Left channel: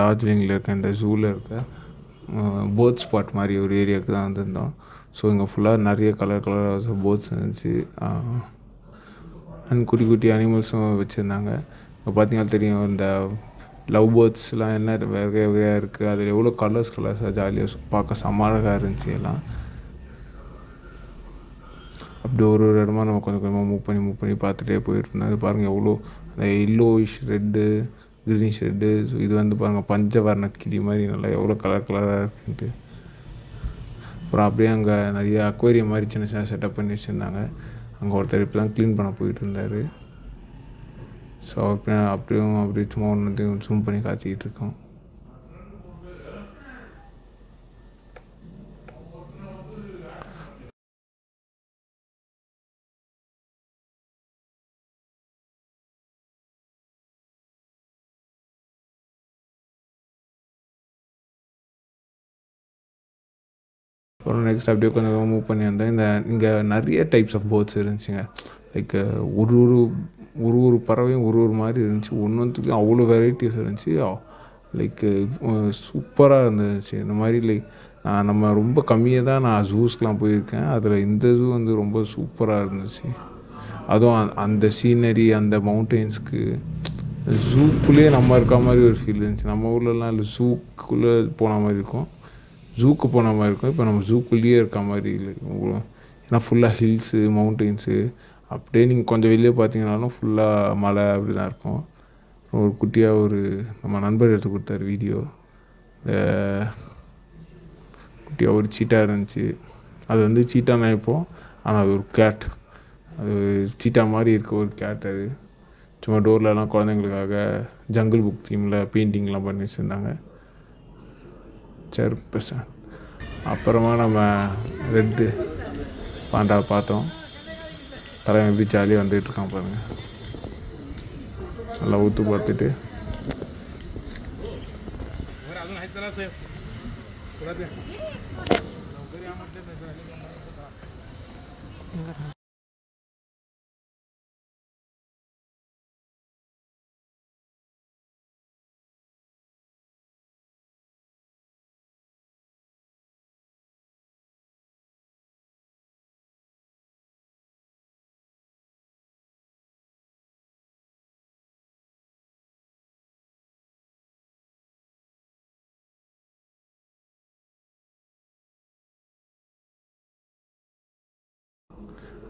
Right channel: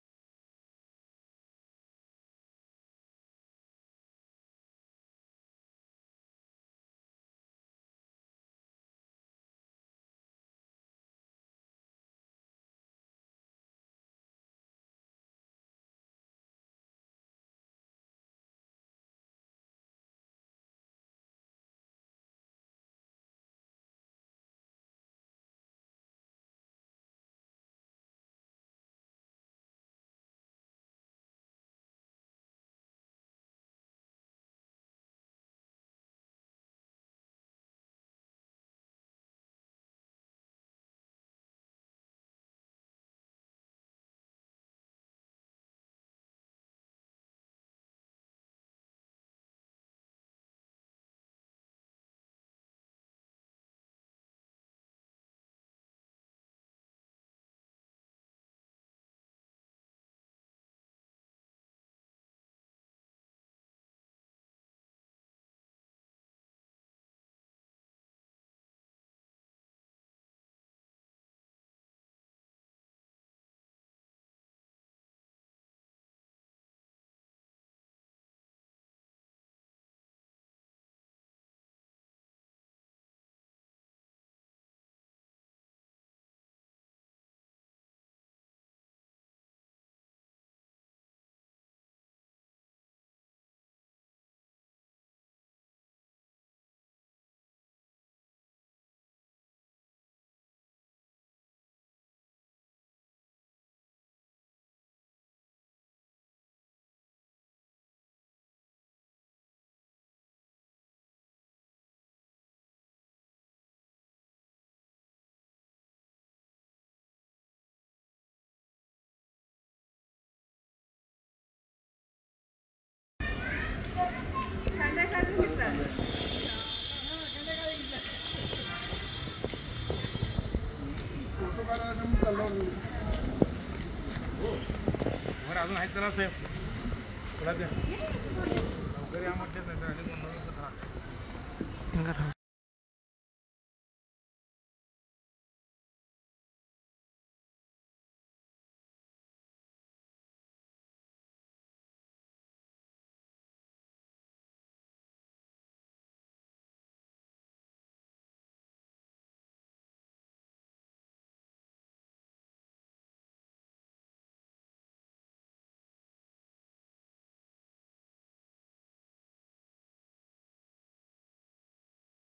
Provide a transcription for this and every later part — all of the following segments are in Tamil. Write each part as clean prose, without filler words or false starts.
டார்ஜிலிங்கில் இருக்க இந்த ஜூவில் இருக்க பேர்ட் ஸ்பாட் மாதிரி ஒரு ஏரியாவுக்கு தான் வந்திருந்தோம். ஸோ இங்கே ஃபுல்லாக நிறைய கலர் கலராக பேர்ட்ஸ் இருந்துச்சு. அண்ட் குட்டி குட்டி அனிமல்ஸும் வச்சுருந்தாங்க. இப்போ பார்த்தீங்கன்னா தெரியும், இந்த லவ் பேர்ட்ஸ்லாம் என்ன வேறு வகையாக இருக்குது, அதில் எவ்வளோ கலர்ஸாக ஜாலியாக பார்க்க செம்ம அழகாக இருந்துச்சு எல்லாம். அப்படி ஒரு ஒரு இடமா நம்ம கொஞ்சம் கொஞ்சமாக மூவ் பண்ணி பார்த்துட்டே போயிட்டுருந்தோம். அது பாருங்கள் எவ்வளோ அந்த yellowish red, greenish red. So இது வந்து பாருங்கள் பஞ்சவர்ண கிளி மாதிரி நல்லா எவ்வளோ கலர் கலராக இருக்குன்ட்டு. அப்புறம் அப்படியே அங்கே நிறைய அக்வேரியம் மாதிரி சின்ன சின்ன செட்டப் பண்ணி வச்சுருந்தாங்க. அங்கே ஒருத்தர் இப்போ தான் க்ளீன் பண்ண போயிட்டு இருந்தார். ஸோ அப்படியே சும்மா ஒன்று ஜூம் பண்ணி காத்திக்கிட்டு இருக்கோம். அப்புறம் நெக்ஸ்ட் அப்படியே கொஞ்சம் மூவ் பண்ணி வந்தேன். இங்கே நிறைய டைப்ஸ் ஆஃப் பேர்ட்ஸ் இருந்துச்சுங்க. லைக் ஒரு ஒரு ஒரு ஒரு பறவையும் ஒரு ஒரு மாதிரி இருந்துச்சு. ஒன்றுத்துக்கும் அவ்வளோ வெரைட்டிஸ் இருந்துச்சு. லைக் சூப்பராக இருந்துச்சு. இந்த மாதிரி லைக் நம்ம ரொம்ப கம்மியாக தான் நான் ஜூஸ்க்கெலாம் போயிருக்கேன். அதில் இந்த ஜூ வந்து ரொம்ப சூப்பராக இருந்துச்சு. அதுவும் அந்த சீனரி, அந்த மவுண்டெயின்ஸ்க்கு ஜூக்குள்ளேயே நம்ம இருக்க மாதிரி ஒரு ஃபீல் இருந்துச்சு. நம்ம ஊர்லலாம் இல்லை, ஜூக்குள்ளே போன மாதிரி இருக்கும், ஜூக்கு போன மாதிரி இருக்கும். இப்போ நம்ம ஜூக்குள்ளேயே இருக்க மாதிரி இல்லை. ஏன்னா ஃபுல்லாக ஹில்ஸு, மவுண்டெயின்ஸு. அப்படியே நீங்கள் கொஞ்சம் வெளியே பார்த்தீங்கன்னாலும் ஃபுல்லாக மலை அப்படி தான் இருக்கும். ஒரு குட்டியாக நம்ம நண்பர் எடுத்து கொடுத்தாரு வீடியோ. குட்டியாக ஒரு சீட்டா இருந்துச்சு. அது வந்து சீட்டா நினைப்போம், ஆனால் அது ஒரு கேட். அது சீட்டா மாதிரி இருக்க ஒரு கேட். அது சும்மா டோர்லலாம் குழந்தைங்களுக்காக ஜங்கிள் புக் தீமில் பெயிண்டிங்லாம் பண்ணி வச்சுருந்தாங்க. சரி, அப்புறமா நம்ம ரெட்டு பாண்டாவை பார்த்தோம். தலைவன் எப்படி ஜாலியாக வந்துகிட்ருக்கான் பாருங்கள். நல்லா ஊற்று பார்த்துட்டு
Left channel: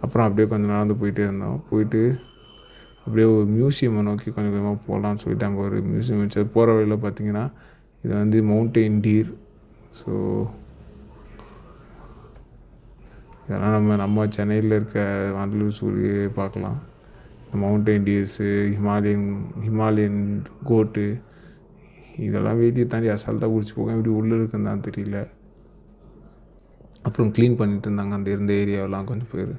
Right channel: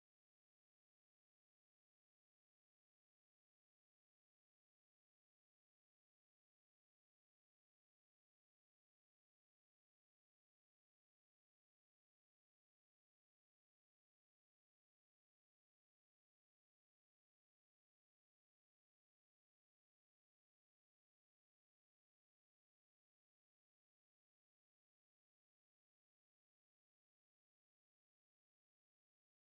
அப்புறம் அப்படியே கொஞ்சம் நடந்து போயிட்டே இருந்தோம். போயிட்டு அப்படியே ஒரு மியூசியமை நோக்கி கொஞ்சம் கொஞ்சமாக போகலான்னு சொல்லிட்டு அங்கே ஒரு மியூசியம் இருந்துச்சு. அது போகிற வழியில் பார்த்தீங்கன்னா இது வந்து மவுண்டெயின் டீர். ஸோ இதெல்லாம் நம்ம சென்னையில் இருக்க வண்டலூர் ஜூவிலே பார்க்கலாம். மவுண்டெயின் டீர்ஸு, ஹிமாலயன் கோட்டு, இதெல்லாம் வெளியே தாண்டி அசால்ட்டாக குடிச்சு போக எப்படி உள்ளே இருக்குன்னு தான் தெரியல. அப்புறம் க்ளீன் பண்ணிட்டு இருந்தாங்க அந்த இருந்த ஏரியாவெல்லாம் கொஞ்சம் பேர்.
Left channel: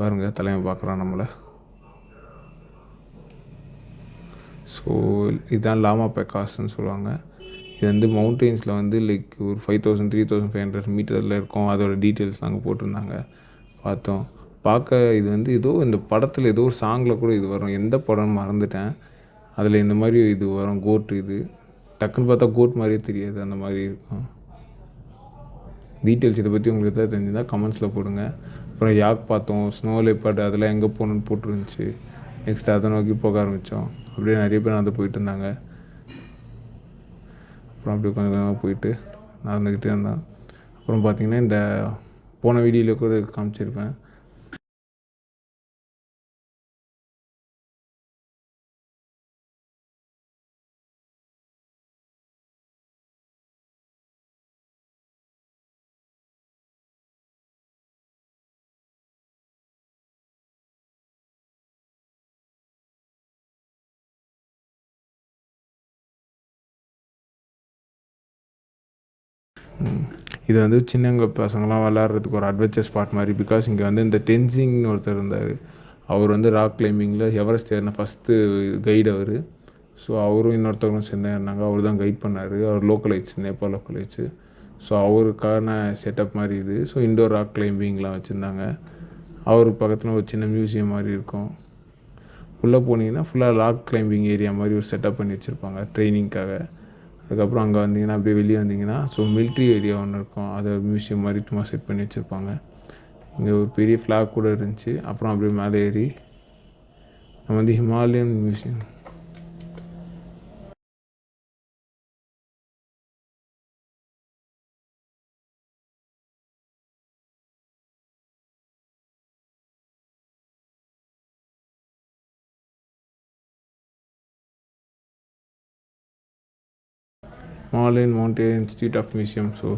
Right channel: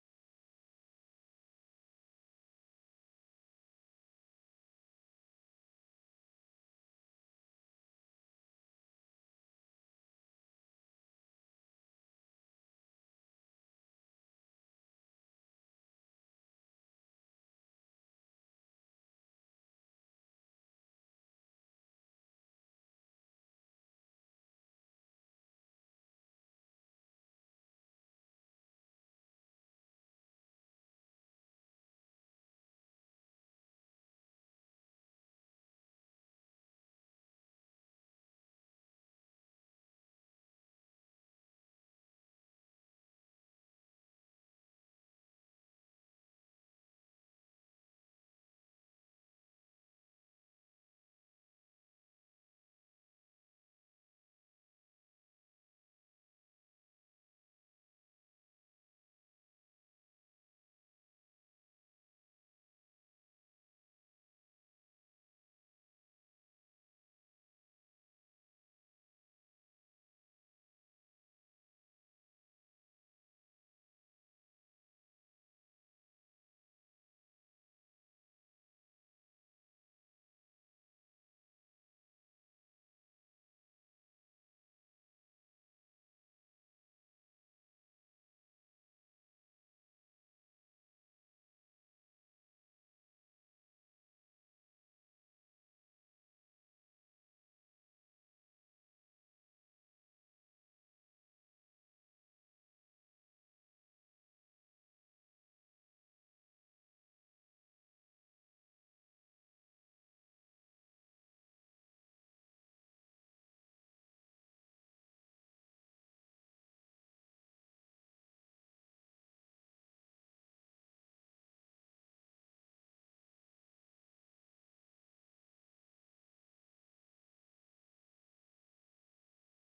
பாருங்கள் தலைமை பார்க்குறான் நம்மளை. ஸோ இதுதான் லாமா பெக்காஸ்ன்னு சொல்லுவாங்க. இது வந்து மவுண்டெயின்ஸில் வந்து லைக் ஒரு 5000 3500 மீட்டரில் இருக்கும். அதோட டீட்டெயில்ஸ் நாங்கள் போட்டிருந்தாங்க, பார்த்தோம். இது வந்து ஏதோ இந்த படத்தில் ஏதோ ஒரு சாங்கில் கூட இது வரும், எந்த படம்னு மறந்துட்டேன். அதில் இந்த மாதிரி இது வரும், கோட். இது டக்குன்னு பார்த்தா கோட் மாதிரியே தெரியாது, அந்த மாதிரி இருக்கும். டீட்டெயில்ஸ் இதை பற்றி உங்களுக்கு எதாவது தெரிஞ்சுருந்தால் கமெண்ட்ஸில் போடுங்க. அப்புறம் யாக் பார்த்தோம், ஸ்னோ லெப்பர்ட், அதெல்லாம் எங்கே போகணுன்னு போட்டுருந்துச்சு. நெக்ஸ்ட் அதை நோக்கி போக ஆரம்பித்தோம். அப்படியே நிறைய பேர் நடந்து போயிட்டு இருந்தாங்க. அப்புறம் அப்படியே கொஞ்சம் கொஞ்சமாக போயிட்டு நடந்துக்கிட்டே இருந்தேன். அப்புறம் பார்த்திங்கன்னா இந்த போன வீடியோவில் கூட காமிச்சிருப்பேன், இது வந்து சின்னங்க பசங்களாம் விளாட்றதுக்கு ஒரு அட்வென்ச்சர் ஸ்பாட் மாதிரி. பிகாஸ் இங்கே வந்து இந்த டென்சிங்னு ஒருத்தர் இருந்தார். அவர் வந்து ராக் கிளைம்பிங்கில் எவரெஸ்ட் ஏறின ஃபஸ்ட்டு கைடு அவர். ஸோ அவரும் இன்னொருத்தவங்களும் சேர்ந்து இருந்தாங்க. அவர் தான் கைட் பண்ணார். அவர் லோக்கலைட்ஸ், நேபாள் லோக்கலைட்ஸு. ஸோ அவருக்கான செட்டப் மாதிரி இது. ஸோ இண்டோர் ராக் கிளைம்பிங்லாம் வச்சுருந்தாங்க. அவருக்கு பக்கத்தில் ஒரு சின்ன மியூசியம் மாதிரி இருக்கும். உள்ளே போனீங்கன்னா ஃபுல்லாக ராக் கிளைம்பிங் ஏரியா மாதிரி ஒரு செட்டப் பண்ணி வச்சுருப்பாங்க ட்ரைனிங்க்காக. அதுக்கப்புறம் அங்கே வந்தீங்கன்னா அப்படியே வெளியே வந்தீங்கன்னா ஸோ மிலிட்ரி ஏரியா ஒன்று இருக்கும். அதை மியூசியம் மாதிரி சும்மா செட் பண்ணி வச்சுருப்பாங்க. இங்கே ஒரு பெரிய ஃப்ளாக் கூட இருந்துச்சு. அப்புறம் அப்படியே மேலே ஏறி நம்ம வந்து Himalayan museum. Himalayan mountain institute of museum. So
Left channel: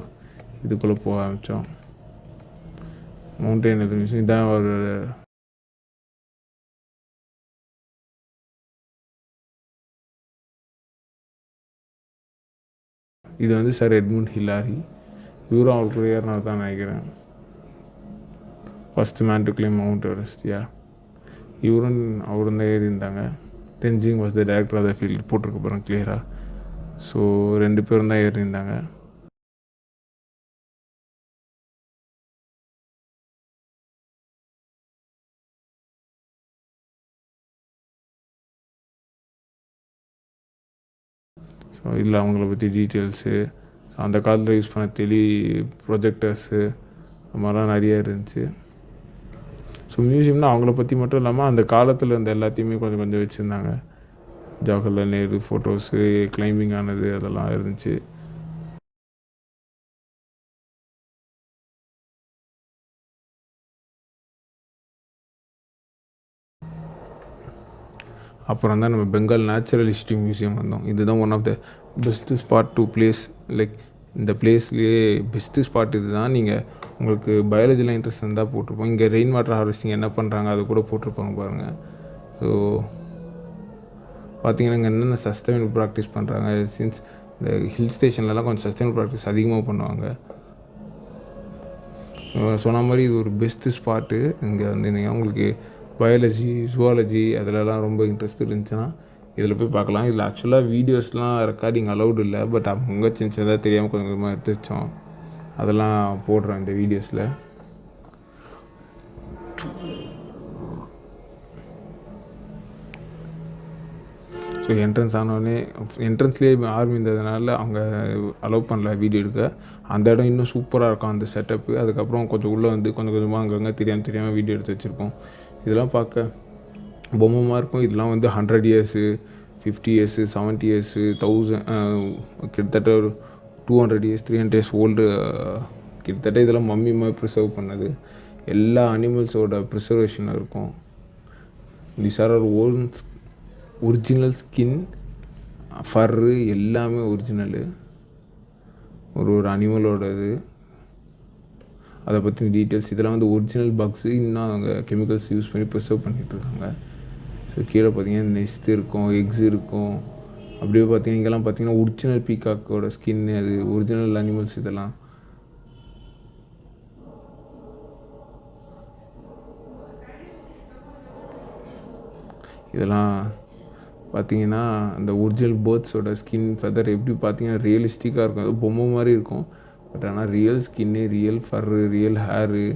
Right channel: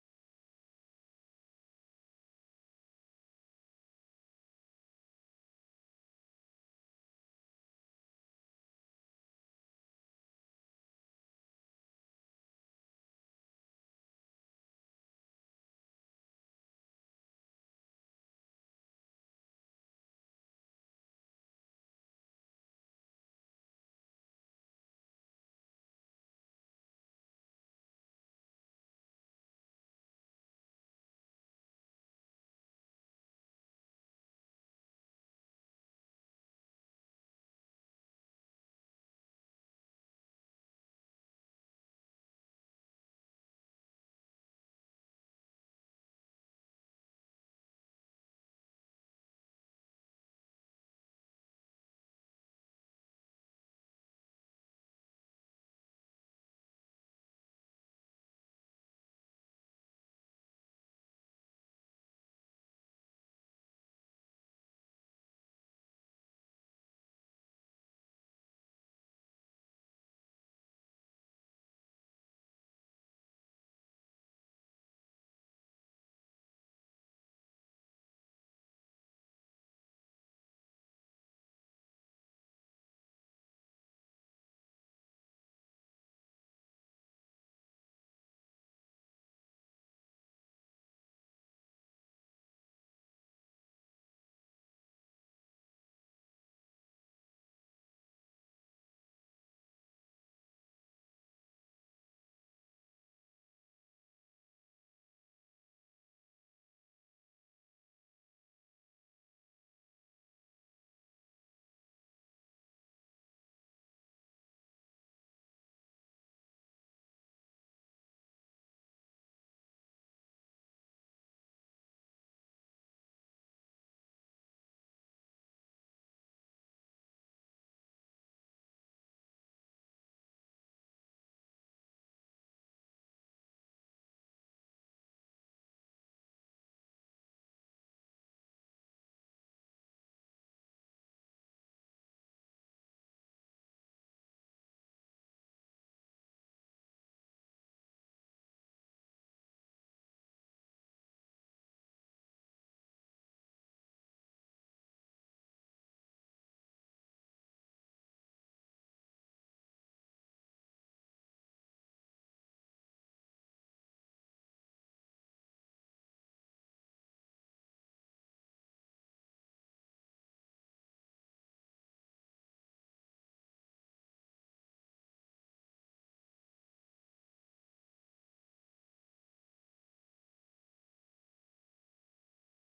இதுக்குள்ளே போக ஆரம்பித்தோம். மவுண்டன் இது மியூசியம் இதான் ஒரு இது வந்து சார் எட்மund ஹில்லாரி. இவரும் அவருக்கு ஏறினார் தான் நினைக்கிறேன். First man to climb Mount Everest. அவரும் தான் ஏறி இருந்தாங்க. Tenzing was the director of the field போட்டிருக்க போகிறேன் கிளியராக. ஸோ 2 பேரும் தான் ஏறி இருந்தாங்க. ஸோ இல்லை அவங்கள பற்றி டீட்டெயில்ஸு, அந்த காலத்தில் யூஸ் பண்ண ப்ரொஜெக்டர்ஸு அது மாதிரிலாம் நிறையா இருந்துச்சு. ஸோ மியூசியம்னா அவங்கள பற்றி மட்டும் இல்லாமல் அந்த காலத்தில் இருந்த எல்லாத்தையுமே கொஞ்சம் கொஞ்சம் வச்சுருந்தாங்க. ஜவஹர்லால் நேரு ஃபோட்டோஸு, கிளைம்பிங் ஆனது அதெல்லாம் இருந்துச்சு. அப்புறம் தான் நம்ம பெங்கால் நேச்சுரல் ஹிஸ்ட்ரி மியூசியம் வந்தோம். இதுதான் one of the best spot to place. Like இந்த பிளேஸ்லேயே பெஸ்ட்டு ஸ்பாட் இது தான். நீங்கள் உங்களுக்கு பயாலஜிலாம் இன்ட்ரெஸ்ட் இருந்தால் போட்டிருப்போம். இங்கே ரெயின் வாட்டர் ஹார்வெஸ்டிங் என்ன பண்ணுறாங்க அது கூட போட்டிருப்பாங்க பாருங்கள். ஸோ பார்த்தீங்கன்னா இங்கே என்னென்ன சஸ்டைனபிள் ப்ராக்டிஸ் பண்ணுறாங்க. சின்ஸ் இந்த ஹில் ஸ்டேஷன்லலாம் கொஞ்சம் சஸ்டைனபிள் ப்ராக்டிஸ் அதிகமாக பண்ணுவாங்க. சொன்ன மாதிரி இது ஒரு பெஸ்ட்டு ஸ்பாட்டு. இங்கே வந்து நீங்கள் உங்களுக்கு பயாலஜி, ஜுவாலஜி அதிலலாம் ரொம்ப இன்ட்ரெஸ்ட் இருந்துச்சுன்னா இதில் போய் பார்க்கலாம். இதில் ஆக்சுவலாக வீடியோஸ்லாம் ரெக்கார்டிங் அலௌடு இல்லை. பட் அவங்க சின்ன சின்னதாக தெரியாமல் கொஞ்சம் கொஞ்சமாக எடுத்து வச்சோம். அதெல்லாம் போடுறேன் இந்த வீடியோஸில். ஸோ என்ட்ரன்ஸ் ஆனோடனே என்ட்ரன்ஸ்லேயே ஆர்மி இருந்ததுனால அவங்க அலோவ் பண்ணல வீடியோ எடுக்க. அந்த இடம் இன்னும் சூப்பராக இருக்கும் அந்த செட்டப்பு. அதுக்கப்புறம் கொஞ்சம் உள்ளே வந்து கொஞ்சம் கொஞ்சமாக அங்கங்கே தெரியாமல் வீடியோ எடுத்து வச்சுருப்போம். இதெல்லாம் பார்க்க பொம்மைமாக இருக்கும். இதெல்லாம் வந்து 100 இயர்ஸு, 50 இயர்ஸு, 70 இயர்ஸு, 1000 கிட்டத்தட்ட ஒரு 200 இயர்ஸ், 300 இயர்ஸ் ஓல்டு. கிட்டத்தட்ட இதெல்லாம் மம்மி மாதிரி ப்ரிசர்வ் பண்ணது. எல்லா அனிமல்ஸோட ப்ரிசர்வேஷன் இருக்கும். These are our own original skin, fur எல்லாமே ஒரிஜினலு. ஒரு அனிமலோட இது அதை பற்றி டீட்டெயில்ஸ். இதெல்லாம் வந்து ஒரிஜினல் பக்ஸு. இன்னும் அவங்க கெமிக்கல்ஸ் யூஸ் பண்ணி ப்ரிசர்வ் பண்ணிகிட்ருக்காங்க. ஸோ கீழே பார்த்தீங்கன்னா நெஸ்ட் இருக்கும், எக்ஸ் இருக்கும். அப்படியே பார்த்தீங்கன்னா இங்கெல்லாம் பார்த்தீங்கன்னா ஒரிஜினல் பீகாக்கோட ஸ்கின்னு, அது ஒரிஜினல் அனிமல்ஸ். இதெல்லாம் பார்த்தீங்கன்னா அந்த ஒரிஜினல் பேர்ட்ஸோட ஸ்கின், ஃபெதர் எப்படி பார்த்தீங்கன்னா ரியலிஸ்டிக்காக இருக்கும். அது பொம்மை மாதிரி இருக்கும். பட் ஆனால் real skin, real fur, real hair,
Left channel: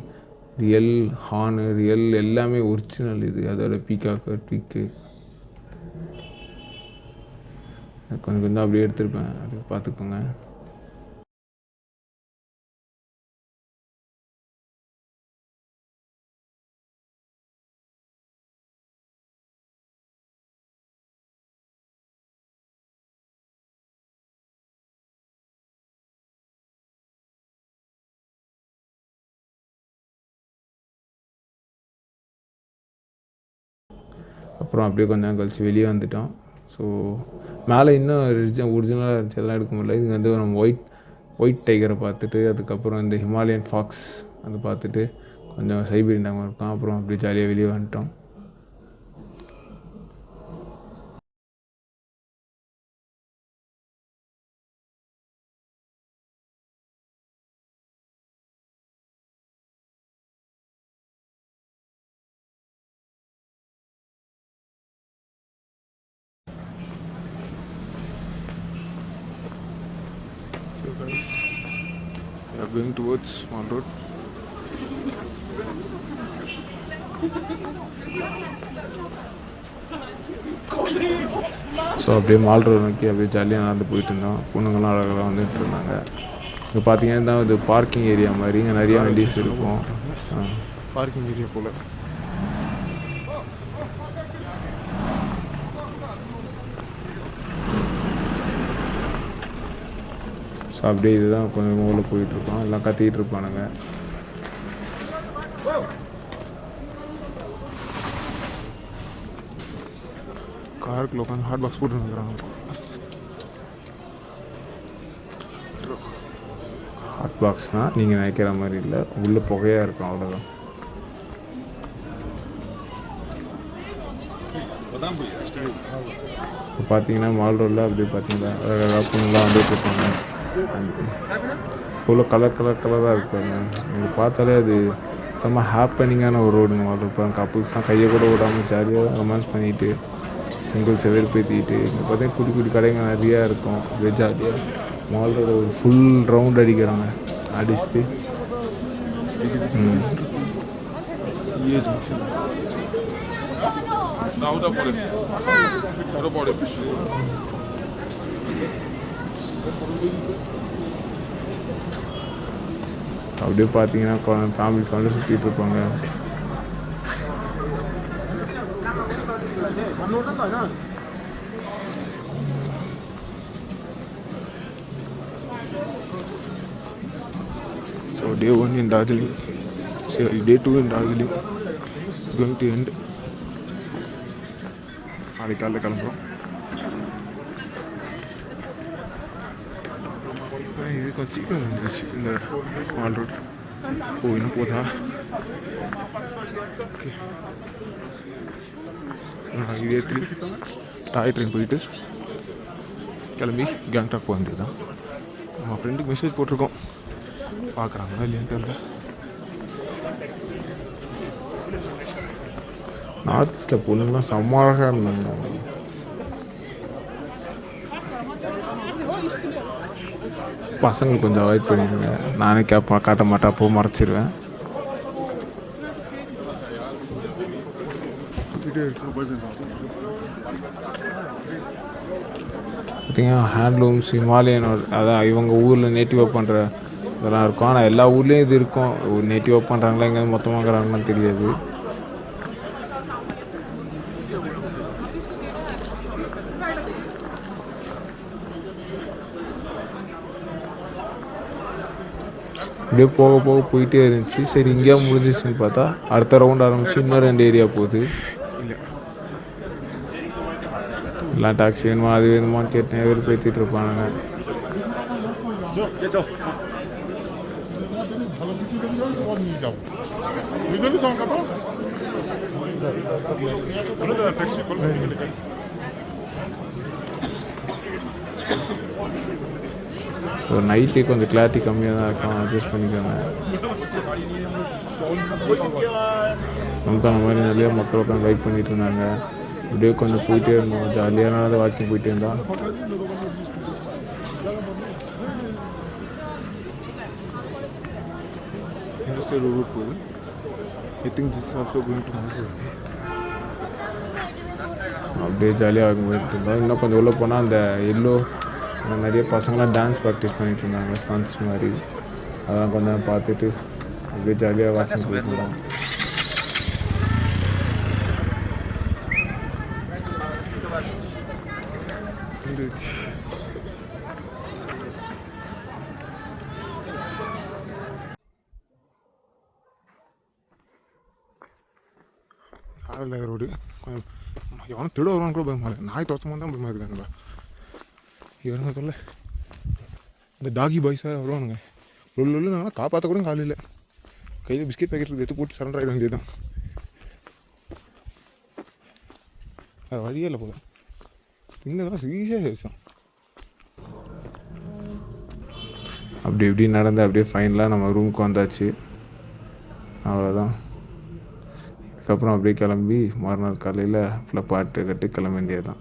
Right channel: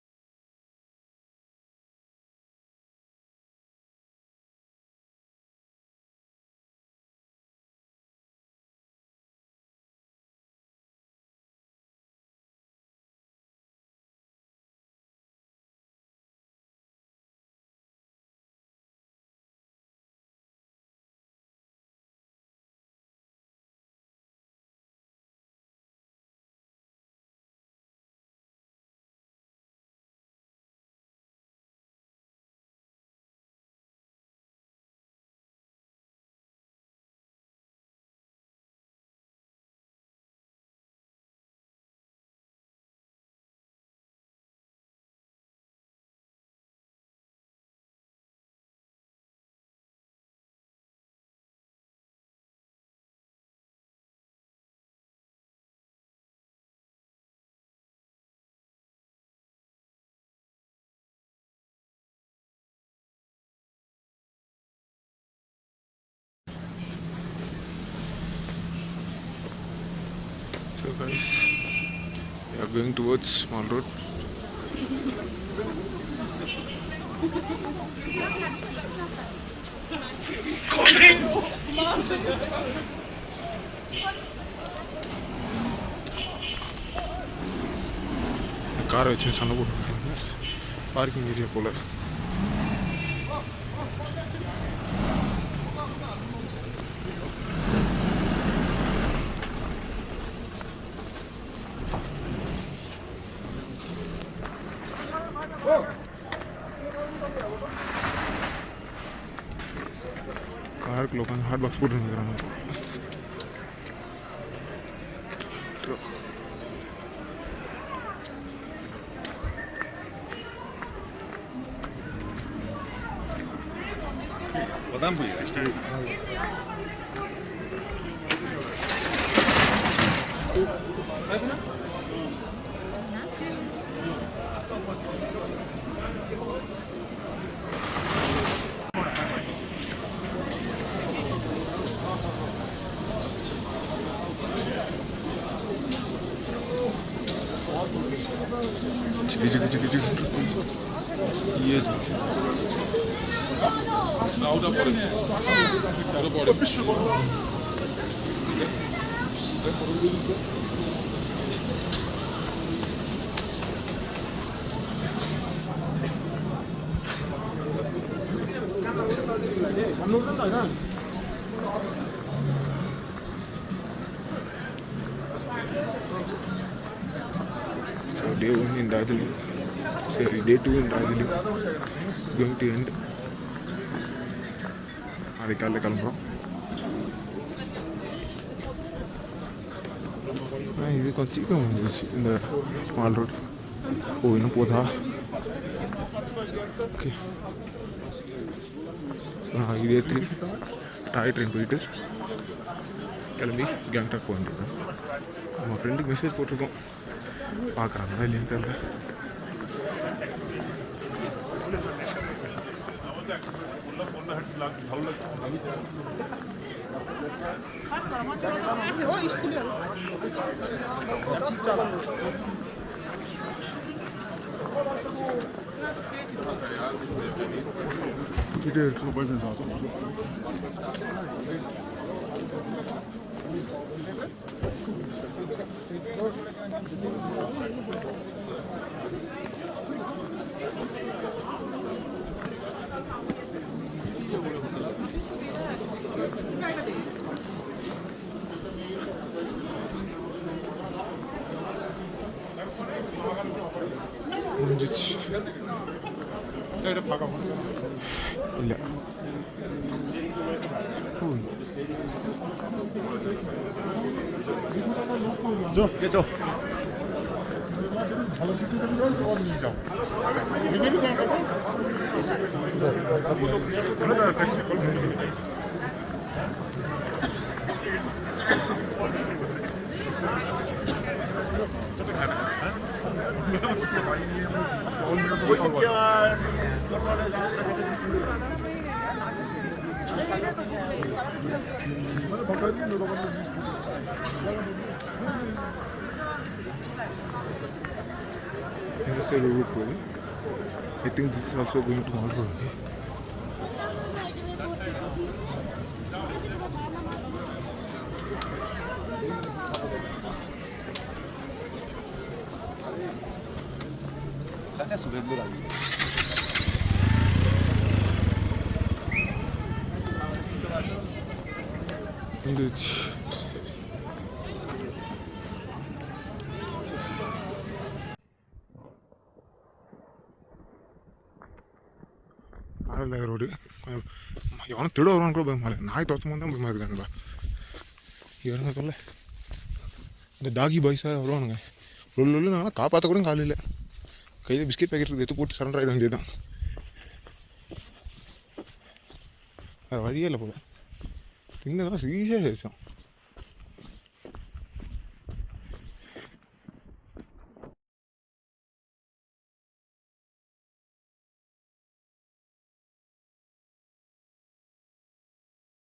real horn, real எல்லாமே ஒரிஜினல். இது அதோட பீகாக்கு ட்விக்கு கொஞ்சம் கொஞ்சம் அப்படியே எடுத்திருப்பேன். அது பார்த்துக்கோங்க. அப்புறம் அப்படியே கொஞ்சம் நேரம் கழித்து வெளியே வந்துட்டோம். ஸோ மேலே இன்னும் ஒரிஜினலாக இருந்துச்சு, அதெல்லாம் எடுக்க முடியல. இது வந்து நம்ம ஒயிட் டைகரை பார்த்துட்டு, அதுக்கப்புறம் இந்த ஹிமாலயன் ஃபாக்ஸ் அதை பார்த்துட்டு கொஞ்சம் சைபீரியன் டைம் இருக்கும். அப்புறம் அப்படியே ஜாலியாக வெளியே வந்துட்டோம். So guys, we are going towards Mall Road. So அப்படியே மால் ரோடு நோக்கி அப்படியே ஜாலியாக நடந்து போயிட்டு இருந்தோம். பொண்ணுங்கள்லாம் அழகாக வந்துட்டு இருந்தாங்க. இங்கே பார்த்தீங்கன்னா இது பார்க்கிங் ஏரியா மாதிரி இங்கே நிறைய வண்டிஸ் இருக்கும். பார்க்கிங் ஏரியா போல். ஸோ அப்படியே இதுதான் கொஞ்சம் ஊரில் போயிட்டுருக்கோம். எல்லாம் கத்திக்கிட்டு இருப்பானுங்க. காருக்குள்ள உட்காந்து ஹாட் பாக்ஸ் போட்டுருக்குறாங்க. ஹாட் பாக்ஸ் தான் நீங்கள் நினைக்கிற மாதிரி இல்லை, உள்ளே புகையாக இருக்கும், அவ்வளோதான். பார்த்தீங்கன்னா மால் ரோடில் அப்படி பார்த்தீங்கன்னா பொண்ணுலாம் வந்துட்டு இருப்பாங்க. இவ்வளோ கலராக இருப்பாங்க. நீங்கள் பார்த்தாலே அது செம்ம ஹாப்பனிங்கான ஒரு ரோடுங்க மால் ரோடு. இப்போ கப்புள்ஸ் தான் கையை கூட விடாமல் ஜாலியாக ரொமான்ஸ் பண்ணிவிட்டு சிங்கிள்ஸ் எதிர்பேற்றிக்கிட்டு பார்த்தீங்கன்னா குட்டி குட்டி கடைங்க நிறையா இருக்கும். ஜாலியாக மால் ரோடு ஒரு ஃபுல் ரவுண்ட் அடிக்கிறாங்க. அடிச்சுட்டு அப்படியே பார்த்தீங்கன்னா ஃபேமிலிஸ் வந்து சுற்றிட்டு இருப்பாங்க. So day 1 in Darjeeling, sorry, day 2 in Darjeeling is going to end. நாளைக்கு காலையில் கிளம்புறோம். இது கொஞ்சம் சீக்கிரம் வந்துருச்சு இந்த மால் ரோடு. இன்னும் போதா? ஓகே. நான் இதே 3 டாய் ட்ரெயின் போயிட்டு கிளம்பி கேங்டாக் போக வேண்டியது தான். நம்ம ஃப்ரெண்டுக்கு மெசேஜ் போட்டிருக்கோம், பார்க்குறாங்களா இல்லையான்னு தெரியல. நார்த் ஈஸ்டில் பொண்ணுங்களாம் செம்ம அழகாக இருந்தாங்க. பசங்க கொஞ்சம் அவாய்ட் பண்ணிடுங்க. நானே காட்ட மாட்டேன், அப்போ மறைச்சிடுவேன். பார்த்தீங்கன்னா ஹேண்ட்லூம்ஸ் ஹிமாலயன், அதான் இவங்க ஊரில் நேட்டிவாக பண்ணுற இதெல்லாம் இருக்கும். ஆனால் எல்லா ஊர்லேயும் இது இருக்கும். நேட்டிவாக பண்ணுறாங்களா எங்கேயாவது மொத்தமாகறாங்கன்னு தெரியாது. அப்படியே போக போயிட்டே இருந்துச்சு. சரி இங்கேயா முடிஞ்சிச்சுன்னு பார்த்தா அடுத்த ரவுண்ட் ஆரம்பிச்சு இன்னும் 2 ஏரியா போகுது. இல்லை எல்லாம் டாக்ஸி வேணுமா அது வேணுமான்னு கேட்டேன். எதிர் பேத்திட்டு இருப்பானுங்க. ஸோ நைட்டு கொஞ்சம் கிளாரிட்டி கம்மியாக தான் இருக்கும், அட்ஜஸ்ட் பண்ணிக்கோங்க. அந்த மாதிரி நிறையா மக்கள் உட்காந்து வெயிட் பண்ணிட்டு இருந்தாங்க. அப்படியே கொஞ்சம் போயிட்டே இருந்தோம். ஜாலியான வாக்கிங் போயிட்டே இருந்தோம். இந்த சைடு ரூட் போகுது. I think this is also going to mall road. அப்படியே ஜாலியாக போயிட்டு இருந்தோம். இன்னும் கொஞ்சம் உள்ளே போனால் அந்த எல்லோ நிறைய பசங்களாம் டான்ஸ் ப்ராக்டிஸ் பண்ணிட்டு இருந்தாங்க, ஸ்டான்ஸ் மாதிரி. அதெல்லாம் கொஞ்சம் பார்த்துட்டு அப்படியே ஜாலியாக வாக்கிங் போயிட்டு இருந்தோம். ஆரல்ல ரோடு கொஞ்சம் எவனும் திட வருவான்னு கூட பயமா இருக்கு. நாய் தோற்றமாக தான் பயமாக இருக்குதுங்களா இவனுங்க சொல்ல. இந்த டாகி பாய்ஸாக வருவானுங்க. உள்ள நான் காப்பாற்ற கூட காலையில் கையில் பிஸ்கெட் பேக்கெட் எடுத்து போட்டு சரண்டர் ஆகிட வேண்டியது தான். அது வழியே இல்லை போல. தின்னதெல்லாம் ஈஸியாக பேசும். அப்படி இப்படி நடந்து அப்படியே ஃபைனலாக நம்ம ரூமுக்கு வந்தாச்சு. அவ்வளோதான். இதுக்கப்புறம் அப்படியே கிளம்பி மறுநாள் காலையில் ஃபுல்லாக பாட்டு கட்டி கிளம்ப வேண்டியது தான்.